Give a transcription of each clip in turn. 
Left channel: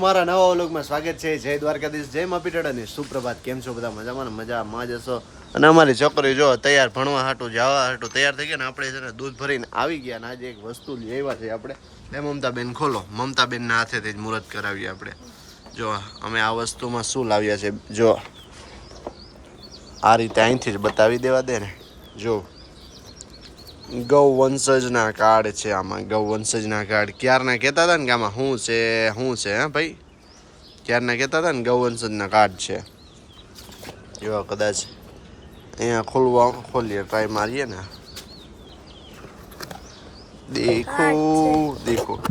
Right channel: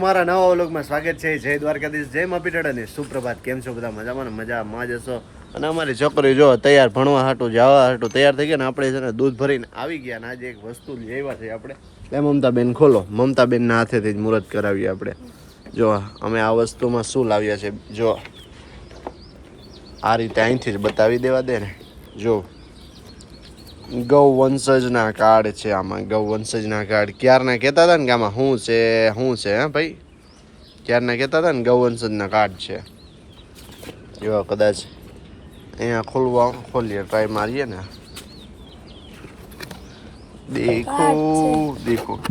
મારા નવા વ્લોગમાં સ્વાગત છે. જય દ્વારકાધીશ, જય મપીટડ અને સુપ્રભાત. કેમ છો બધા? મજામાં મજામાં જ હશો? અને અમારી છોકરી જો તૈયાર ભણવા હાટું, જવા હાટું તૈયાર થઈ ગયા ને આપણે છે ને દૂધ ભરીને આવી ગયા ને આજે એક વસ્તુ લેવા છે આપણે. લે મમતાબેન, ખોલો. મમતાબેનના હાથેથી જ મુહૂર્ત કરાવીએ આપણે. જો, અમે આ વસ્તુમાં શું લાવ્યા છે, જો. આ રીતે અહીંથી જ બતાવી દેવા દે ને. જો. ગૌ વંશજના કાર્ડ છે આમાં ગૌ વંશજના કાર્ડ. ક્યારના કહેતા હતા ને કે આમાં શું છે શું છે હે ભાઈ? ક્યારના કહેતા હતા ને ગૌ વંશજના કાર્ડ છે. એવા કદાચ અહીંયા ખોલવા ખોલીએ ટ્રાય મારીએ ને. દેખો દેખો.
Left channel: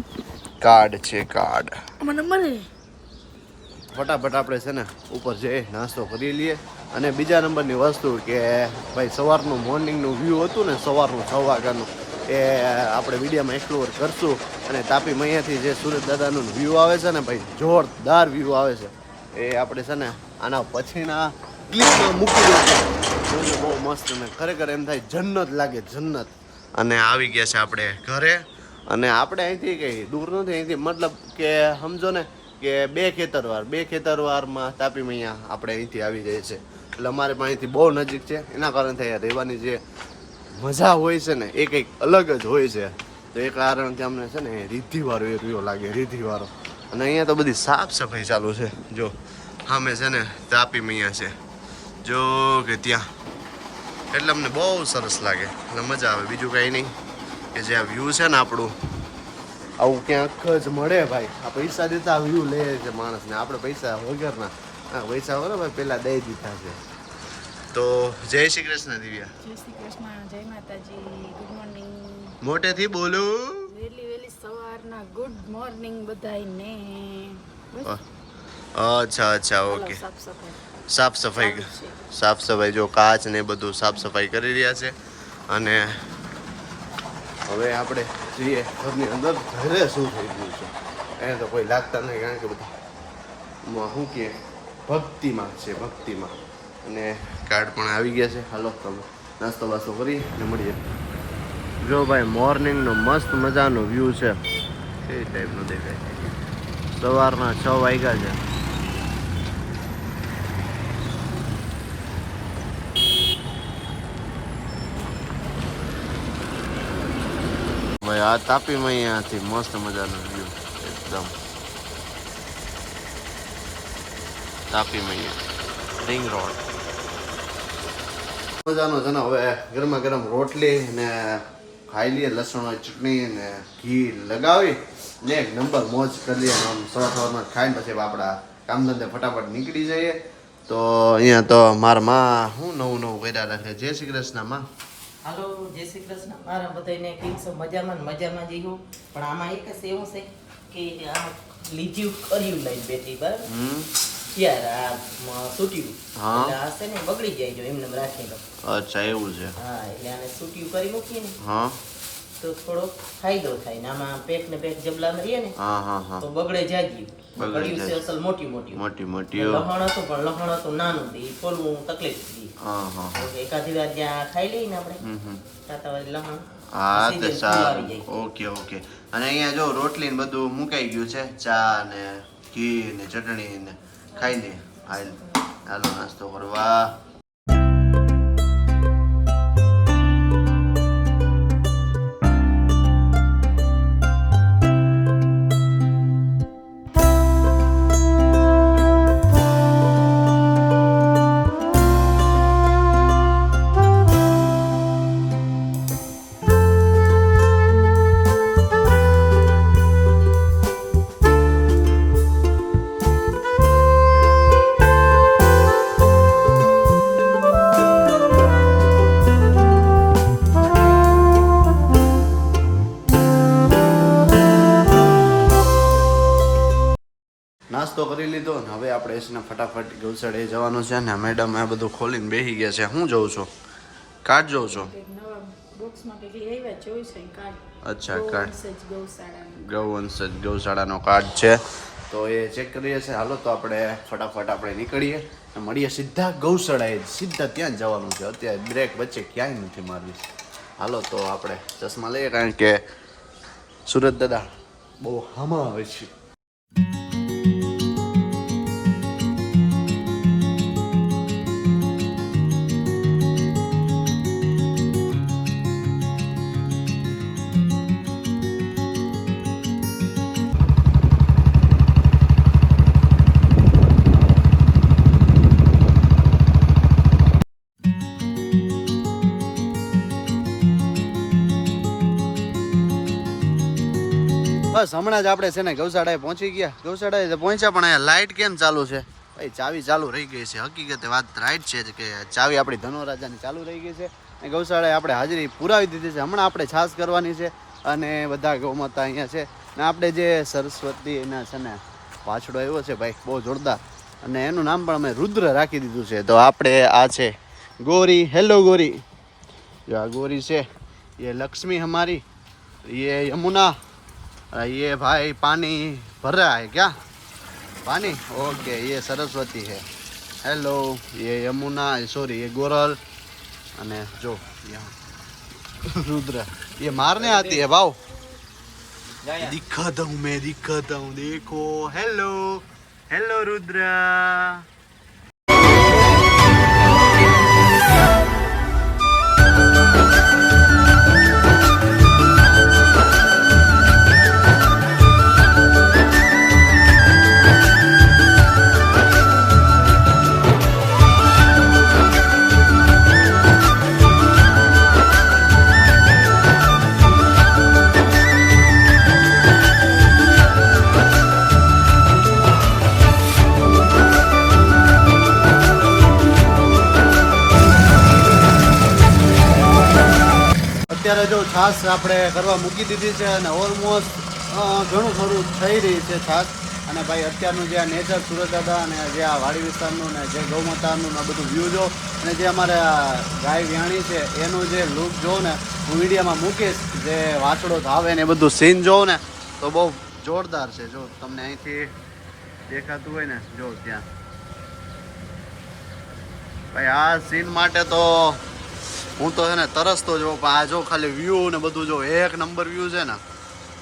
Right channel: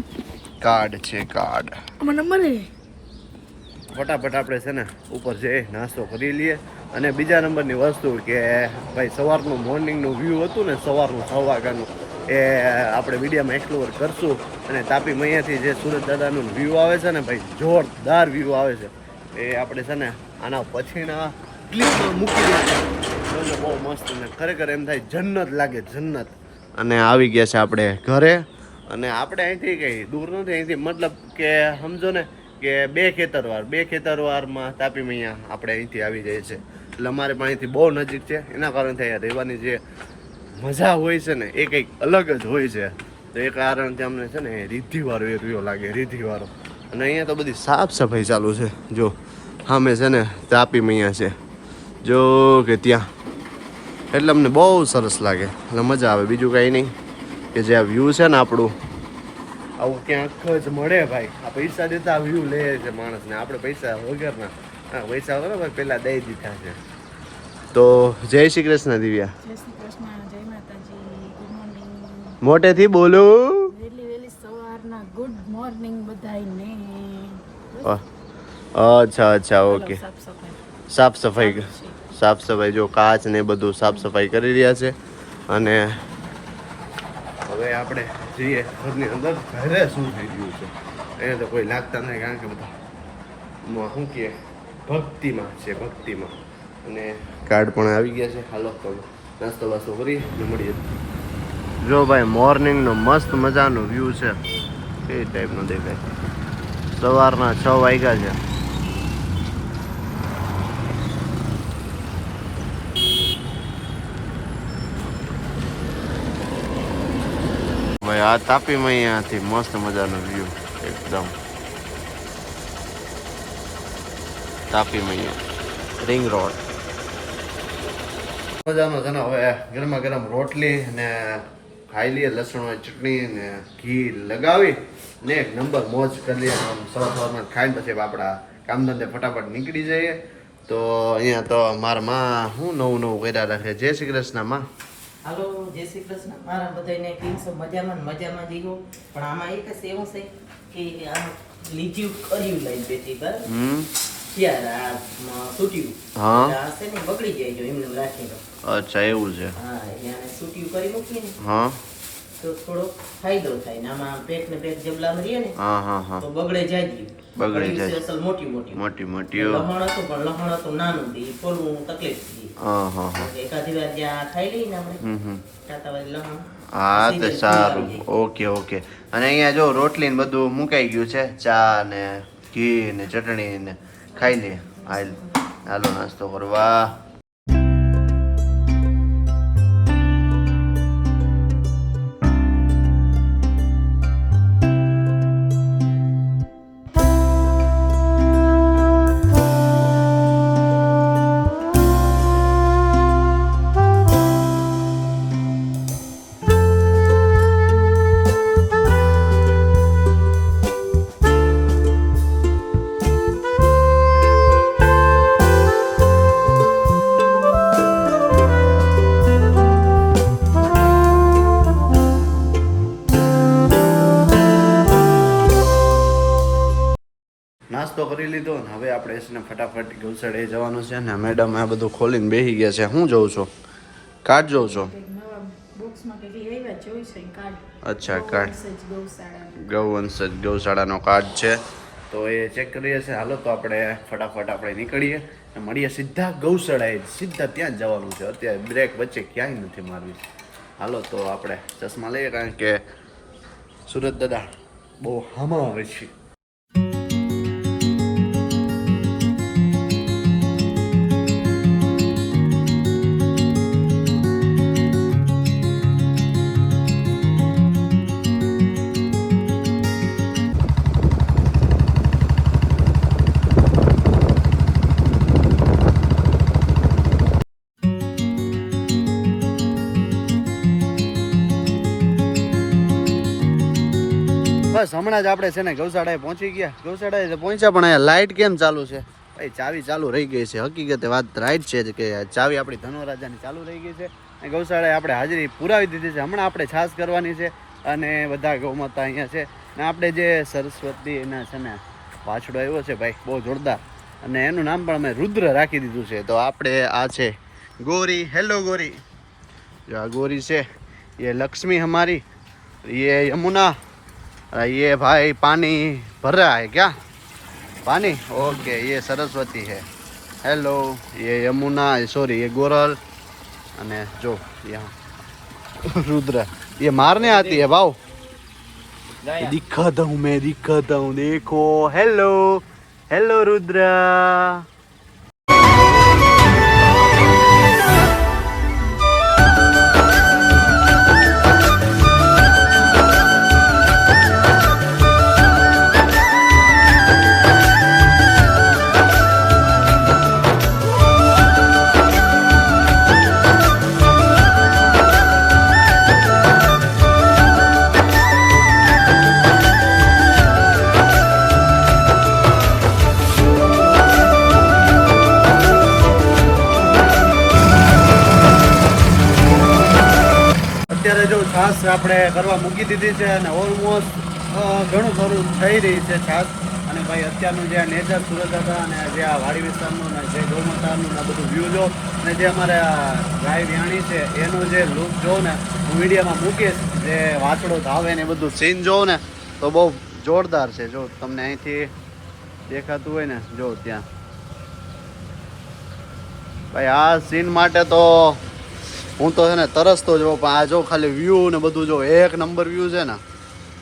કાર્ડ છે કાર્ડ. મને હે? ફટાફટ આપણે છે ને ઉપર જઈ નાસ્તો કરી લઈએ. અને બીજા નંબરની વસ્તુ કે ભાઈ સવારનું મોર્નિંગનું વ્યૂ હતું ને સવારનું છ વાગ્યાનું, એ આપણે વિડીયોમાં એક્સપ્લોર કરશું. અને તાપી મૈયાથી જે સુરત દાદાનું વ્યૂ આવે છે ને ભાઈ, જોરદાર વ્યૂ આવે છે. એ આપણે છે ને આના પછીના ક્લિપમાં મૂકી દઈશું જોજો, બહુ મસ્ત ને ખરેખર એમ થાય જન્નત લાગે, જન્નત. અને આવી ગયા છે આપણે ઘરે. અને આપણે અહીંથી કંઈ દૂર નથી, અહીંથી મતલબ કે સમજો ને કે બે ખેતરવાર, બે ખેતરવારમાં તાપી મૈયા આપણે અહીંથી આવી જાય છે. એટલે અમારે પણ અહીંથી બહુ નજીક છે. એના કારણે અહીંયા રહેવાની જે મજા હોય છે ને, એ કંઈક અલગ જ હોય છે. તો એ કારણથી અમને છે ને રીધિવાળો રહ્યો લાગે રીધિવાળો અને અહીંયા તો બધી સાફ સફાઈ ચાલુ છે. જો, સામે છે ને તાપી મૈયા છે. જો કે ત્યાં. એટલે અમને બહુ સરસ લાગે. એટલે મજા આવે. બીજું કાંઈ નહીં. કે જે આ વ્યૂ છે ને આપણું આવું ક્યાંક જ મળે ભાઈ. આ પૈસા દેતા વ્યૂ લે છે માણસને આપણે પૈસા વગરના. હા પૈસા બરાબર પહેલાં દઈ દીધા છે. તો જય શ્રી કૃષ્ણ દિવ્યા. જય શ્રી કૃષ્ણ જય માતાજી. ગુડ મોર્નિંગ મોટેથી બોલો. વેલી વેલી સવારના ગુડ મોર્નિંગ બધાયને. અચ્છા અચ્છા ઓકે. સાફ સફાઈ. સાફ સફાઈ જો કાચ ને બધું સાફ સફાઈ કરી રહ્યા છે. અને હવે આપણે જઈએ ઘરની અંદર ઘરે શું થઈ ગયું છે? અહીંયા તો કોઈ લાગતા નહીં, કારણ કે બધા શું કહે? ભક્તિમાં છે, ભક્તિમાં. અને કાર્ડ પણ આવી ગયા છે. હાલો તમે નાસ્તો વાસ્તો કરીએ ને મળીએ. જો ભાઈ, મોર્નિંગનો મસ્ત મજાનો વ્યૂ છે. કઈ ટાઈપનો દેખાય? સવારના છ વાગ્યા છે. આ તાપીમાં અહીંયાથી મસ્ત મજાનો વ્યૂ એકદમ. તાપી મૈયા રિંગ રોડ મજાનો છે ને, હવે ગરમા ગરમ રોટલી ને ખાઈ લઈએ લસણવાળી ચટણી ને ઘી લગાવી ને એક નંબર મોજ કરી લઈએ સવાર સવારમાં ખાઈને પછી આપણા કામ ધંધે ફટાફટ નીકળી જઈએ. તો અહીંયા તો મારા માં હું નવું નવું કર્યા રાખે? જય શ્રી કૃષ્ણ, માં. હાલો જય શ્રી કૃષ્ણ. મારા બધાને કેમ છો? મજામાં મજામાં જીવો પણ આમાં એક જ એવું છે કે આ લીધ્યું કર્યું લઈને બેઠી બરાબર? ત્યારે આ સૂટ્યું. હા. છે ને બગડી જાય જો એમને રાખી દો અચ્છા એવું છે. હા એટલે આને સૂટ્યું કરી મૂકીએ ને. હા. તો થોડો ફાયદો થાય ને આમાં પેટ ને પેટ જબલામાં રહીએ ને હા હા હા. તો બગડે જાય બગડી જાય. અસલ મોટી મોટી. મોટી મોટી લહણ હતું પણ લહણ હતું નાનું દે ખોલવું તકલીફ હતી. હા હા એકાદી વાર જ્યાં ખાઈ લઈએ ને આપણે હમ હમ. લહણ હા તો સારું. Okay okay. અને અહીંયા જો રોટલી ને બધું મુકાઈ ગયું છે ચા ને ઘી ને ચટણી ને ખાઈ લે. હાલ હાલો નાસ્તો કરવા. નાસ્તો કરી લીધો ને હવે આપણે એસને ફટાફટ ગૌશાળાએ જવાનું છે ને મેડમ આ બધું ખોલીને બેસી ગયા છે. હું જોઉં છું? કાર્ડ જોઉં છો? અચ્છા કાર્ડ ગૌવંશ ગૌશાળાનો. કાર્ડ છે. તો એ ચેક કરીએ છીએ. હાલો તો આપણે ફટાફટ આપણે નીકળીએ અને મળીએ સીધા ગૌશાળાએ. જ. સીધા ત્યાં જવાનું છે. અત્યારે બ્રેક વચ્ચે ક્યાંય નથી મારવી. હાલો તો આપણે ચશ્મા લઈએ કારણ કે સુરત દાદા બહુ હામાં આવે છે. બસ, હમણાં જ આપણે છે ને ગૌશાળાએ પહોંચી ગયા. ગૌશાળાએ પહોંચ્યા, પણ અહીંયા લાઇટ કેમ ચાલુ છે? ભાઈ, ચાવી ચાલુ રહી ગઈ છે. હકીકતે વાત રાઈટ છે કે ચાવી આપણી ધનુરાજાની ચાલુ રહી ગઈ છે. અને ગૌશાળાએ આપણે હાજરી પુરાવી દીધી છે. હમણાં આપણે છાસ કરવાની છે અને બધા ગૌમાતા અહીંયા છે. ને આપણે જે સરસ્વતીના છે ને પાછળો આવ્યો છે ભાઈ, બહુ જોરદાર. અને એનું નામ પણ અમે રુદ્ર રાખી દીધું છે. તો આપણે આ છે ગોરી. હેલો ગોરી. આ ગોરી છે. એ લક્ષ્મી હમારી એ યમુના. ये भाई पानी भर रहा है क्या पानी ओके ये सरस्वती है हेलो ये यमुना सॉरी ये गोरल અને જો यहाँ रुद्र ये मारने आती है भाव दिखाता हूँ मैं दिखाता हूँ देखो हेलो हेलो रुद्र છાશ આપણે કરવા મૂકી દીધી છે અને ઓલમોસ્ટ ઘણું ખરું થઈ રહી છે છાશ અને ભાઈ, અત્યારનું જે આ નેચર સુરત હતા અને જે આ વાડી વિસ્તારનું ને જે ગૌમાતાનું ને બધું વ્યૂ જો અને જે અમારે ગાય વ્યાણી છે, એનો જે લુક જોઉં ને, હું મીડિયામાં મૂકીશ, જે વાછડો ધાવે ને એ બધું સીન જોઉં ને, તો બહુ જોરદાર છે. જો તમને અહીંથી દેખાતું હોય ને, જો ત્યાં. ભાઈ, આ સીન માટે તો હું તો છે ને તરસતો જ પણ આ જો ખાલી વ્યૂ ને બધું જો એક નંબર વ્યૂ છે ને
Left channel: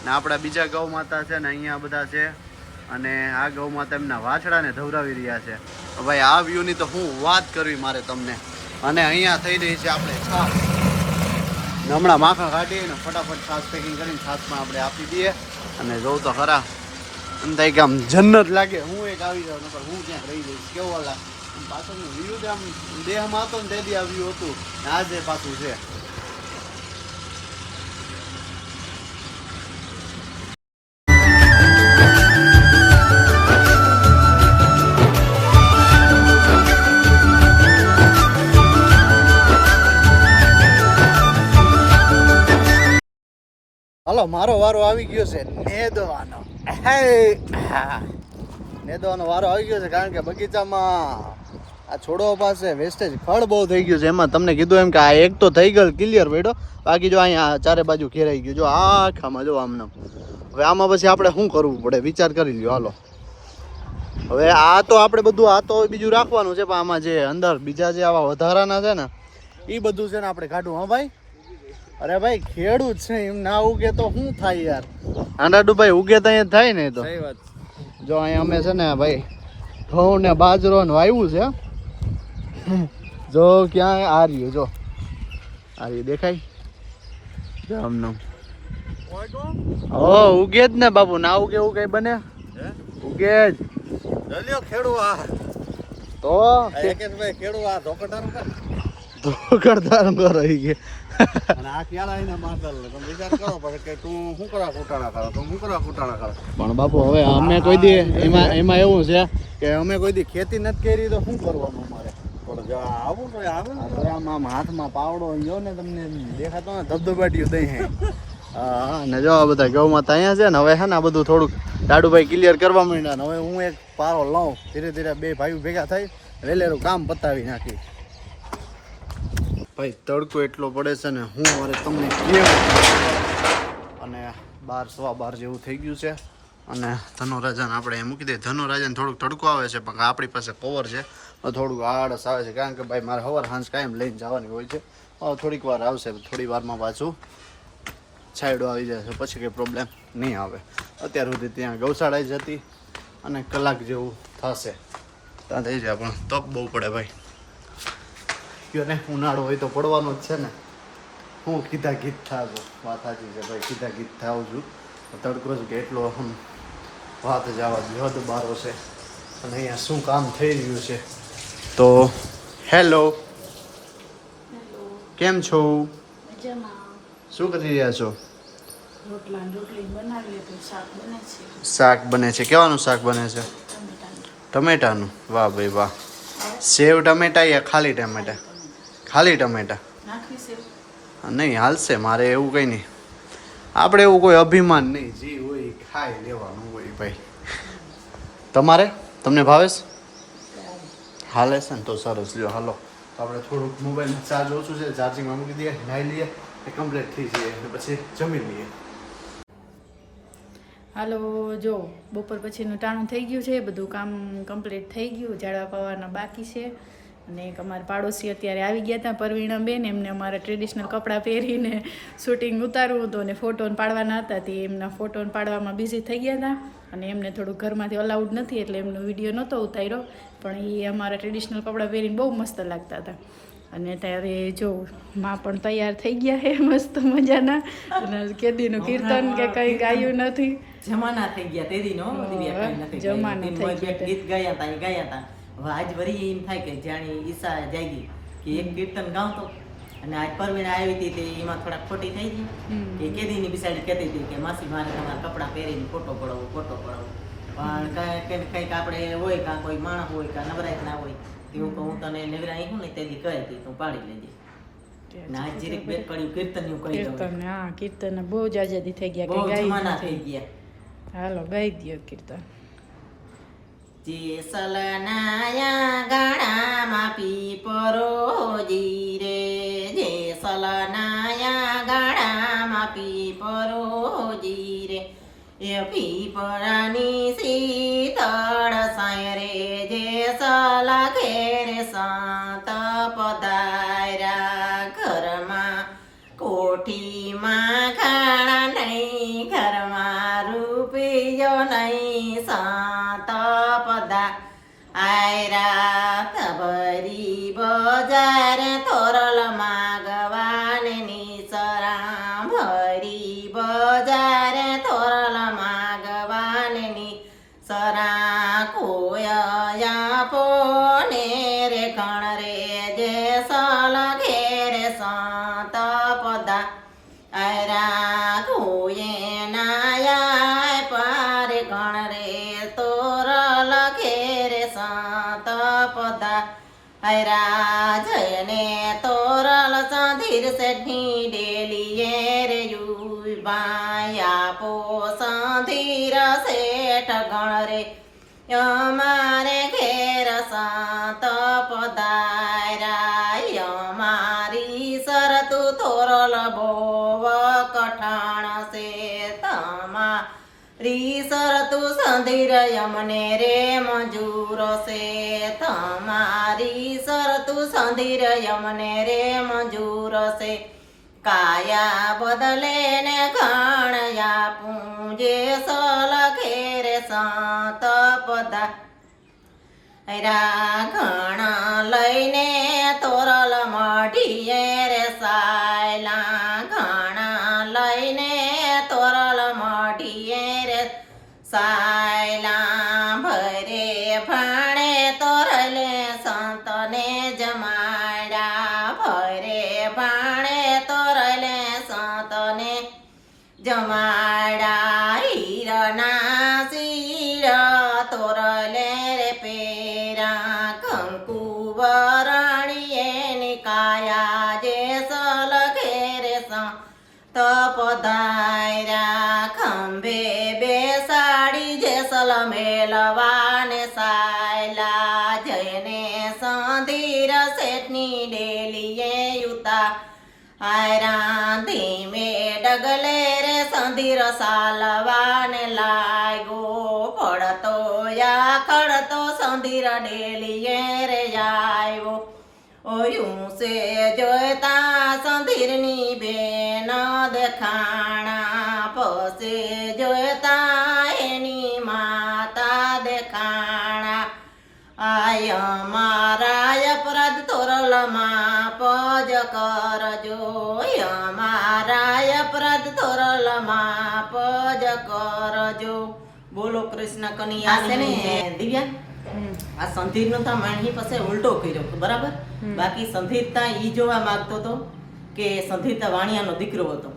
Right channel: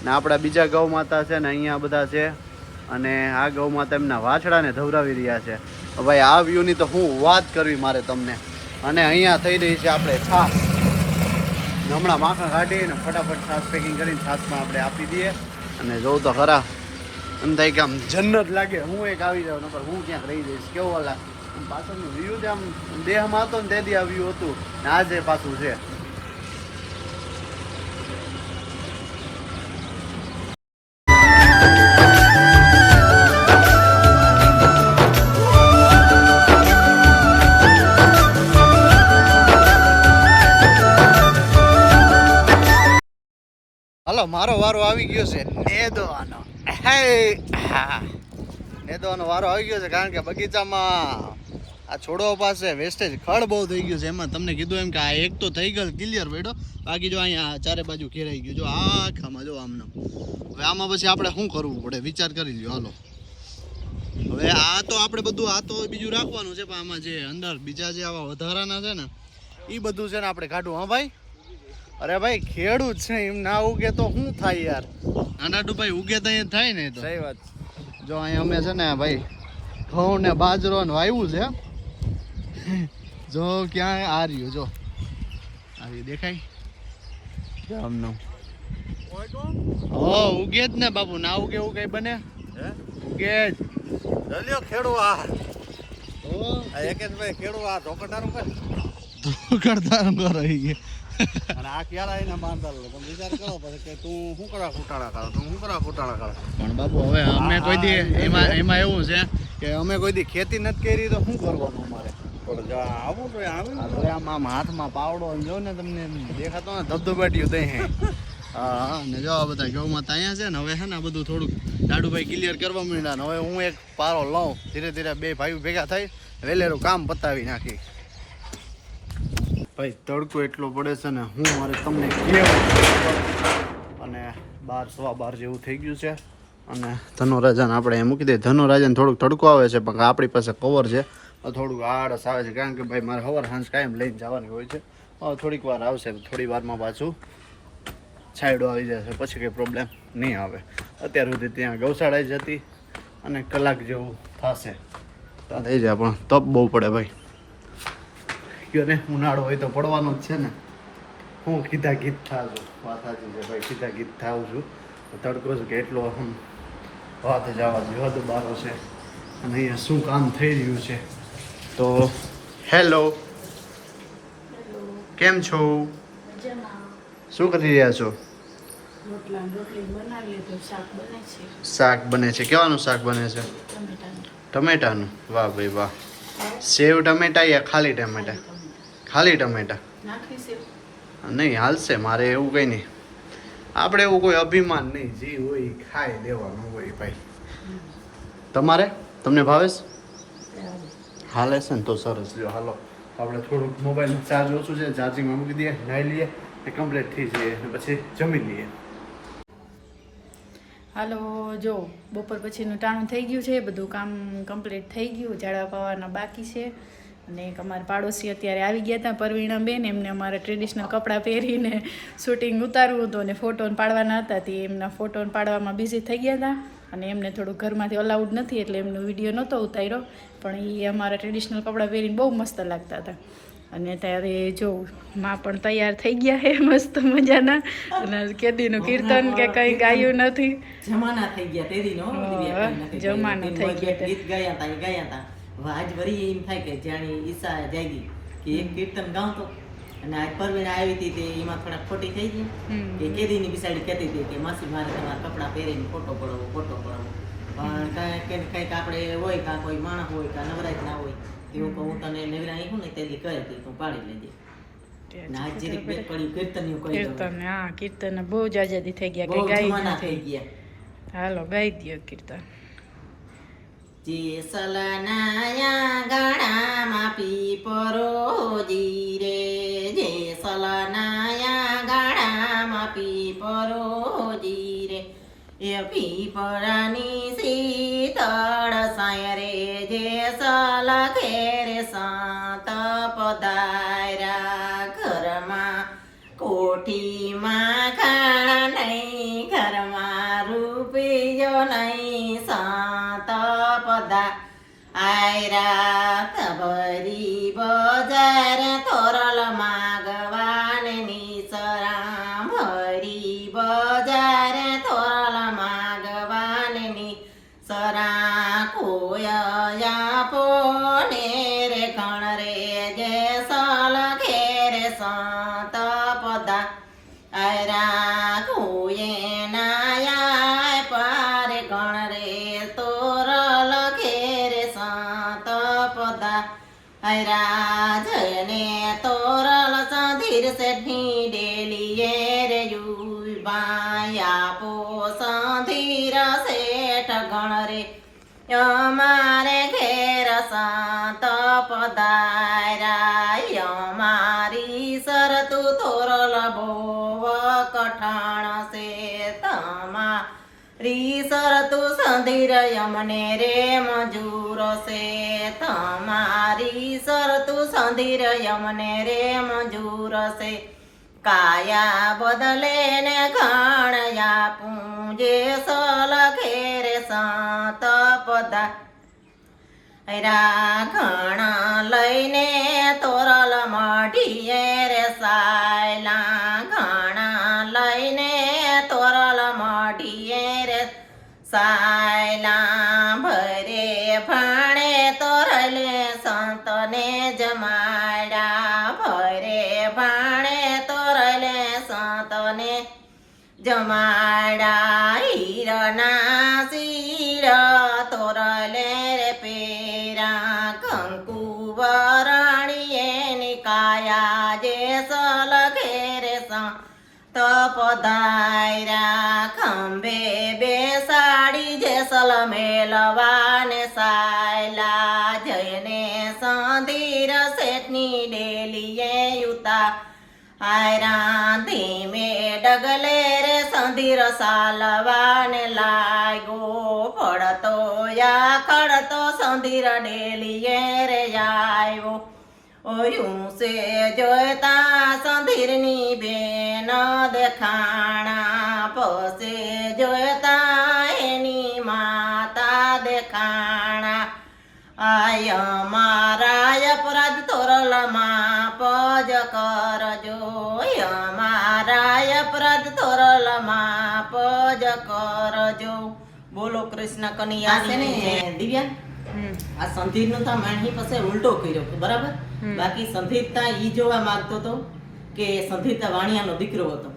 ને આપણા બીજા ગૌ માતા છે ને અહીંયા બધા છે, અને આ ગૌ માતા એમના વાછડાને ધવરાવી રહ્યા છે. ભાઈ, આ વ્યૂની તો હું વાત કરવી મારે તમને. અને અહીંયા થઈ રહી છે આપણે છાસ. હમણાં માખણ કાઢી ને ફટાફટ છાસ પેકિંગ કરીને છાસમાં આપણે આપી દઈએ. અને જોઉં તો ખરા, એમ થાય કે આમ જન્નત લાગે. હું એક આવી જાઉં, નકર હું ક્યાંક રહી જઈશ. કેવું વાલા પાછળનું વ્યૂ જ આમ દેહમાં હતો ને તેથી આ વ્યૂ ને આજે પાછું હાલો, મારો વારો આવી ગયો છે નેદવાનો. નેદવાનો વારો આવી ગયો છે કારણ કે બગીચામાં આ છોડવા પાસે વેસ્ટેજ ખડ બહુ થઈ ગયું છે. એમાં તમને કીધું એમ કે આ એક તો થઈ ગયો ક્લિયર બેડો બાકી જો અહીંયા ચારે બાજુ ઘેરાઈ ગયું. જો આખામાં જો આમને. હવે આમાં પછી આપણે શું કરવું પડે? વિચાર કરી લ્યો. હાલો. હવે આ તો આપણે બધું આ તો બીજું રાખવાનું છે પણ આમાં જે અંદર બીજા જે આવા વધારાના છે ને એ બધું છે ને આપણે કાઢવું. હા ભાઈ? અરે ભાઈ ખેડૂત છે એમ. ના ઉગે તો શું થાય યાર? આંડાડુ ભાઈ ઉગે તો અહીંયા થાય ને તો. જો અહીંયા અમે છે ને ભાઈ ઘઉં ને બાજરો ને વાવ્યું છે જો ક્યાં આ રહ્યું જો. આ રહ્યું દેખાય? જો આમનું હો ઉગે જ ને બાપુ ના ઉગે એવું કઈ બને? ઉગે જ. ચલ્યો ખેડૂ આ. તો? ભાઈ ખેડૂ આ ધોકડદાર કર. કરો રહી ગયા. અને આ ક્યારે આવીને માંગલ તમે વિચાર કરો પછી કે તું શું કુટાણા કરો તું શું કુટાણા કરો પણ બાપુ હવે અમે કોઈ દી એમાં એમાં એવું છે કે અમે કોઈ દી ખેતી નથી કરી તો શું કરવાનું અમારે? પણ આમ હાથમાં પાવડો જો ને તમને દેખાતો ને ધબધબાટ્યું હા. ને જો આ બધા અહીંયા છે ને, હવે છે બધું થોડુંક દાડુભાઈ ક્લિયર કરવા હવે હું એક પારો લઉં ધીરે ધીરે બે ભાઈઓ ભેગા થઈ વેલેરું કામ પતાવી નાખી. ભાઈ, તડકો એટલો પડે છે ને, હું મારે તમને ક્લિયર અને બાર સવા બાર જેવું થઈ ગયું છે. અને ધનુરાજાને આપણે મૂકી દઈએ, ધનુરાજાને થોડુંક તડકો આવે છે, પણ આપણી પાસે કવર છે. તો થોડુંક આળસ આવે છે, કારણ કે ભાઈ મારે હવાર હાંસ કાયમ લઈને જવાની હોય છે. થોડીક વાર આવશે, થોડી વારમાં પાછું છાયડો આવી જશે, પછી કંઈ પ્રોબ્લેમ નહીં આવે. અત્યાર સુધી ત્યાં ગૌશાળા જ હતી અને કલાક જેવું થશે. ત્યાં થઈ જાય, પણ તપ બહુ પડે ભાઈ. કયો ને, ઉનાળો હોય તો પડવાનો જ છે ને. હું કીધા ગીત થાજો છું, વાત સાચી છે ભાઈ, કીધા ગીત થાઉં છું. તડકો જ કે એટલો વાત જવા હદ બારો છે. અને અહીંયા શું કામ થઈ રહ્યું છે? તો હેલો. કેમ છો? શું કરી રહ્યા છો? શાક બને છે. કેવાનું શાક બને છે? ટમેટાનું. વાહ ભાઈ વાહ. સેવ ટમેટા યા ખાલી ટમેટા? ખાલી ટમેટા. નહીં હાલશે. મારે એવું કંઈ નહીં. આપણે એવું કોઈ અભિમાન નહીં. જે હોય ખાઈ લેવાનું હોય ભાઈ. તમારે? તમને ભાવેશ હાલે છે ને તો સરસ. જો હાલો. તો આપણે થોડુંક મોબાઈલનું ચાર્જ ઓછું છે ચાર્જિંગમાં મૂકી દઈએ નાઈ લઈએ એ કમ્પ્લીટ થઈ જઈએ અને પછી જમી લઈએ. હાલો જો બપોર પછીનું ટાણું થઈ ગયું છે બધું કામ કમ્પ્લીટ થઈ ગયું ઝાડવા પાવાના બાકી છે. અને એક અમારા પાડોશી અત્યારે આવી ગયા હતા પરવીણા બેન એમને અમારા ટ્રેડિશનલ કપડાં પહેરીને શૂટિંગ ઉતારવું હતું અને ફોટોન પાડવાના હતા તે એમના ફોટોન પાડવામાં બિઝી થઈ ગયા હતા. અને એમને થોડુંક ઘરમાંથી અલાઉડ નથી એટલે એમનો વીડિયો નહોતો ઉતાર્યો. પણ એ અમારા ટ્રેડિશનલ કપડાં પહેરીને બહુ મસ્ત લાગતા હતા. અને ત્યારે જો માં પણ તૈયાર થઈ ગયા હે મસ્ત મજાના. અને કેદીનું કીર્તન કે કંઈ ગાયું નથી. જમાના થઈ ગયા તેદી નો દિવ્યા કઈ જમાના થઈ ગયા ગીત ગાયા હતા એ ગાયા હતા વાજ વળી એમ થાય કે જાણી ઈશા જાગી કે એક કીર્તન ગાવતો. અને આજ પરવીણા આવી હતી તે એમાં થોડાક ખોટી થઈ ગઈ. કે કેદી ની બિસાડી કહેતી હતી કે માસી મારે તમારા કપડાં પહેરીને ફોટો પડાવો ફોટો પડાવો. પણ કાંઈ કંઈક કંઈક આપણે હોય કાં કોઈ માણસ હોય કાં નવરાત ના હોય એવું કહું હું તને નવરાઈ હું ને તેથી કહી હતી તું પાડી લેજે ને આજ જીરીક બેટ પડ્યું કીર્તનનું કહી દઉં. કીર્તન હા કીર્તન બહુ જાજાદી થઈ ગયા બહુ કે ગાઈ જમાના થઈ ગયા. હાલો ગાઈ દ્યો કીર્તન. જે સલનાયા ગાડામાં પીપરો પરો જે સલનાયા ગાડામાં જીરે. એ પીપળાની શીતળ સાય રે જે સલ ઘેરે સાત પધાર્યા ઘરમાં. કોઠીમાં ખાણા નહીં, ઘરમાં રૂપિયો નહીં, સાત પદા આયરા તબરી બજાર તોરલ સેઠી ડેલીએ રે યુબાયા પો સાધીર શેઠ ગણ રે અમારે ઘેર સાત પધાર્યા અમારી શરતુ થોરલ બોવ કઠણ છે તમારી શરતુ સંધિર યમને રે મજૂર છે. તમારી શરતુ સંધિર યમને રે મજૂર છે. કાયા બદલે ને ઘણયા પૂજે સલ રે સંત પદા ઘણા લઈને તોરલ મઢીએ રે સાયલા સાયલા ભરે ભણે તોરલે સંતને જમાડા ભરે, ભણે તોરલે સંતને જમાડા હીરના શીર તોરલે રે પેરા. કંકુ વરણીએ નિકાયા જે સલ ઘેરે તપધાર્યા ખંભે બેસાડી જે સલ મેલવાને સાયલા જયને સંધીર શેઠની ડેલીએ યુતા. હાયરા ધીમે ડગલે રે સંધીર સાલવાને લાગ્યો. પડતો યા ખડતો સંધીર ડેલીએ રે આવ્યો ઓયું સે જોતા સંધીરની બેન દેખાણા. પસે જોતા આય મારા અપરાધ તોરલમાં પજ કરજો. મારા અપરાધ તોરલમાં પજ કરજો. બોલો કૃષ્ણ કનૈયા. છે ને દિવ્યા? આ સંધીર નો તો માણી પાસે ઉલટો કર્યો બરાબર? બાકી સંધીર તા ઈ જોવા માંગતો તો? કે સંધિતા વાણિયાનો દીકરો હતો.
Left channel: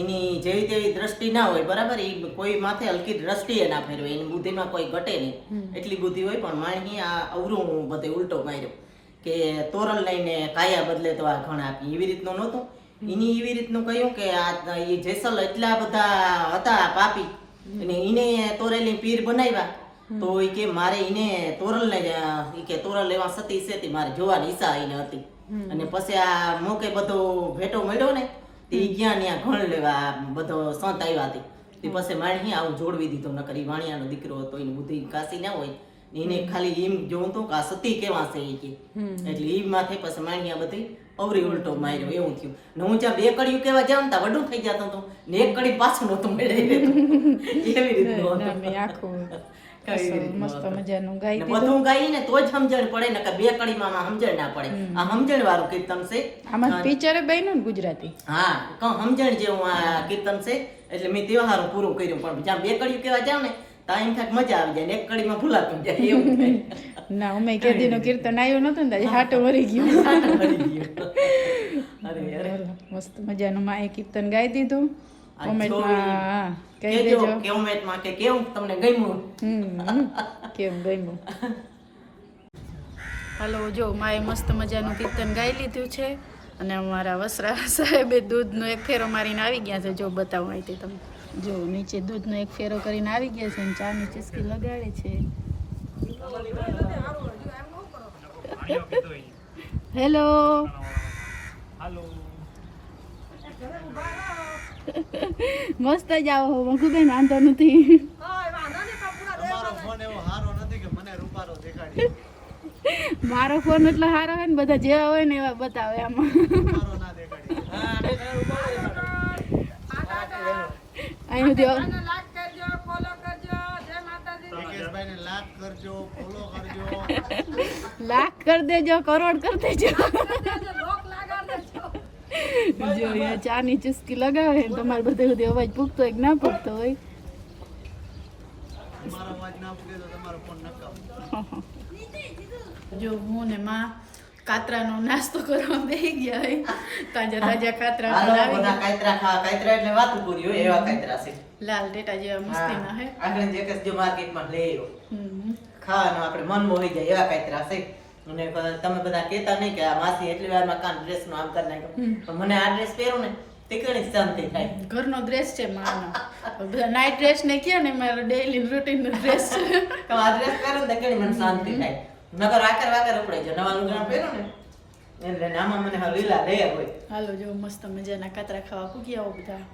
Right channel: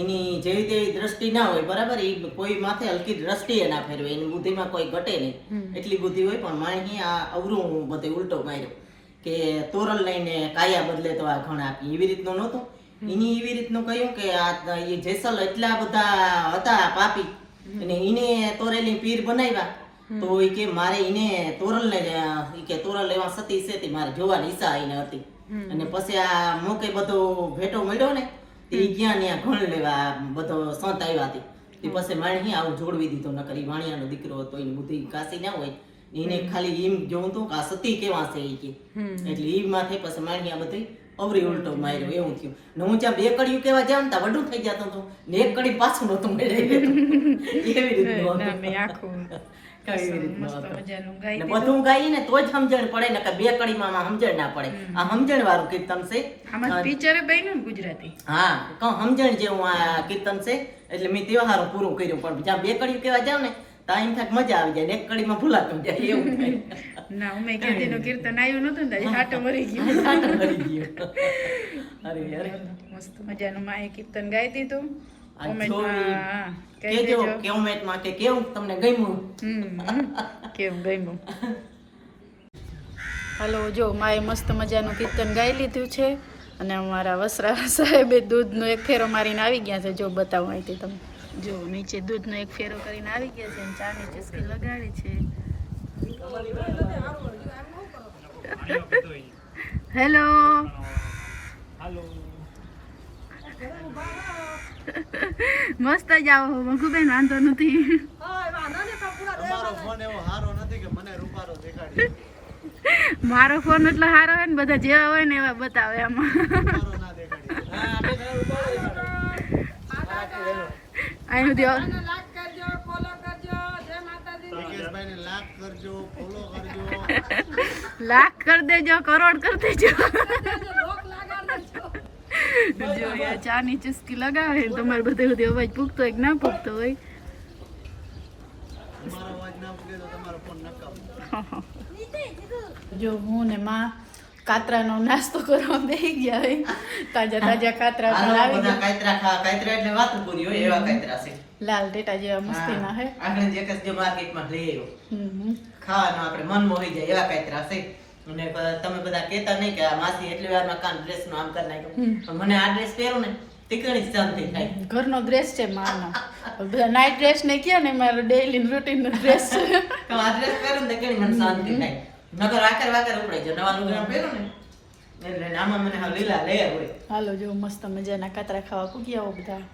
એની જેવી તેવી દ્રષ્ટિ ના હોય બરાબર? એ કોઈ માથે હલકી દ્રષ્ટિએ ના ફેરવે એની બુદ્ધિમાં કોઈ ઘટે નહીં. એટલી બુદ્ધિ હોય પણ માણી આ અવરું બધે ઉલટો માર્યો કે તોરલ લઈને કાયા બદલે તો આ ઘણ આપી. એવી રીતનું નહોતું. એની એવી રીતનું કહ્યું કે આ એ જેસલ એટલા બધા હતા પાપી અને એને તોરેલી પીર બનાવ્યા. તો એ કે મારે એને તોરલ ને કે તોરલ લેવા સતી સેતી મારે જોવાની ઈચ્છા એને હતી. અને પછી આ મોકે બધો ભેટો મળ્યો ને તે ગયા ત્યાં ઘણ લેવા બધો સંત આવ્યા હતી તે પછી માણી આવું જોડવી દીધો નકર ઈ વાણિયાનો દીકરો હતો એની બુદ્ધિ કાસી ના હોય. એને ખાલી એમ જોઉં તો કે આ સતી કેવા છે એ કે. એટલે એ માથે પછી માણિયા બધી અવરી ઉલટો માર્યો એવું થયું. ને હું જ્યાં બે કડીયું કેવા જાઉં ને ત્યાં વડું થઈ જતું હતો ને એક કડી પાછું નહોતું મેળવી લેતું એવી રીતનું ના આખું. કઈ રીતનું મસ્ત મજાનું ગાઈ ને બધું ગાઈને તો જ સમજણ પડે ને કે બે કડીમાં સમજણ ના પડે. આ સમજણ વાળું કીર્તન છે. આમાં પિક્ચર બન્યું ગુજરાતી. હા કહું સમજણ જેવું આ કીર્તન છે એટલે મેં તહેવારો પૂરું કર્યું પણ જ્યાં બે કડીયું કેવા જાવ ને ત્યાં થાય મજા આવી જાય ને એક કડીમાં ભૂલાતું જાય એવું થાય. ના કેદીનું કીર્તન આવ્યું નતો ને હાટો વળી ગયું. સાટો ભરી ગયો. અરે અરે. મસ્ત મજાનું માએ કીર્તન ગાઈ દીધું. આ કેજો દેજો. કોમેન્ટમાં કે કેવું તમને ગમ્યું કેવું ગમ્યું હાલો જો માએ મસ્ત મજાનું કીર્તન ગાઈ લીધું છે. અને અમારા વસરા સાહેબે દૂધનો એક ફેરો મારીને આવી ગયા છે. જો બતાવું અહીંથી તમે જો નીચે દૂધનો એક ફેરો કરીને આવી ગયા છે અને ચાની ચસ્કી લગાડે છે. હેલો મસ્ત જ આવો મખુબેન વાંધો નથી. તમારો ફોન એવો સારો નથી કે મને રૂપારો દેખાડી મારો ફોન એટલો સારો હોય ને બધા જેવા હોય ને એવા બતાવે આમાં. અહીં લાખ કરી દેજો. કરોડ કરી દેજો જો યાર ચાની ચુસ્કી લગાવે ને તમારે બધે સુધી અવાજ પૂગતો હોય કે ના પૂગતો હોય? તમારો અવાજ ના ઉગે તો તમારો ફોન નકામ. જો હું ને માં કાતરાનો નાસ્તો કરવા બેસી ગયા હોય. તાજા તાજા કાતરા કાંતરા ખાવા કાંતરા એટલે વાતું પૂરી હોય એવા કાતરા છે. લાલ ટેટા જેવા મસ્તીના હે. હા, આપણે જે કસ જો માર્કેટમાં લઈ આવ્યો. ખાવાનું આપણે મન મોહી જાય એવા કાતરા છે. અને તમે બધા કહેતા નહીં કે આ માસી એટલી વારમાં કામ ડ્રેસનું આમ કરી નાખ્યો. પણ મને આ ડ્રેસ પહેરું ને ઘરનો ડ્રેસ છે માનો. બધા નાઇટ ડ્રેસ ને કે ને મારો ડેઈલી રૂટીન નો ડ્રેસ છે તો આ ડ્રેસ પહેરું ને ઘણી મને શાંતિ થાય. નકર આકર વાકર ઉપડાઈ જાય નવા લુગડા પહેરું ને એટલે આમાં મને હવે લીલા રહ્યા હોય. હાલો જો મસ્ત મજાના કાતરા ખાવા પૂગ્યા બધા.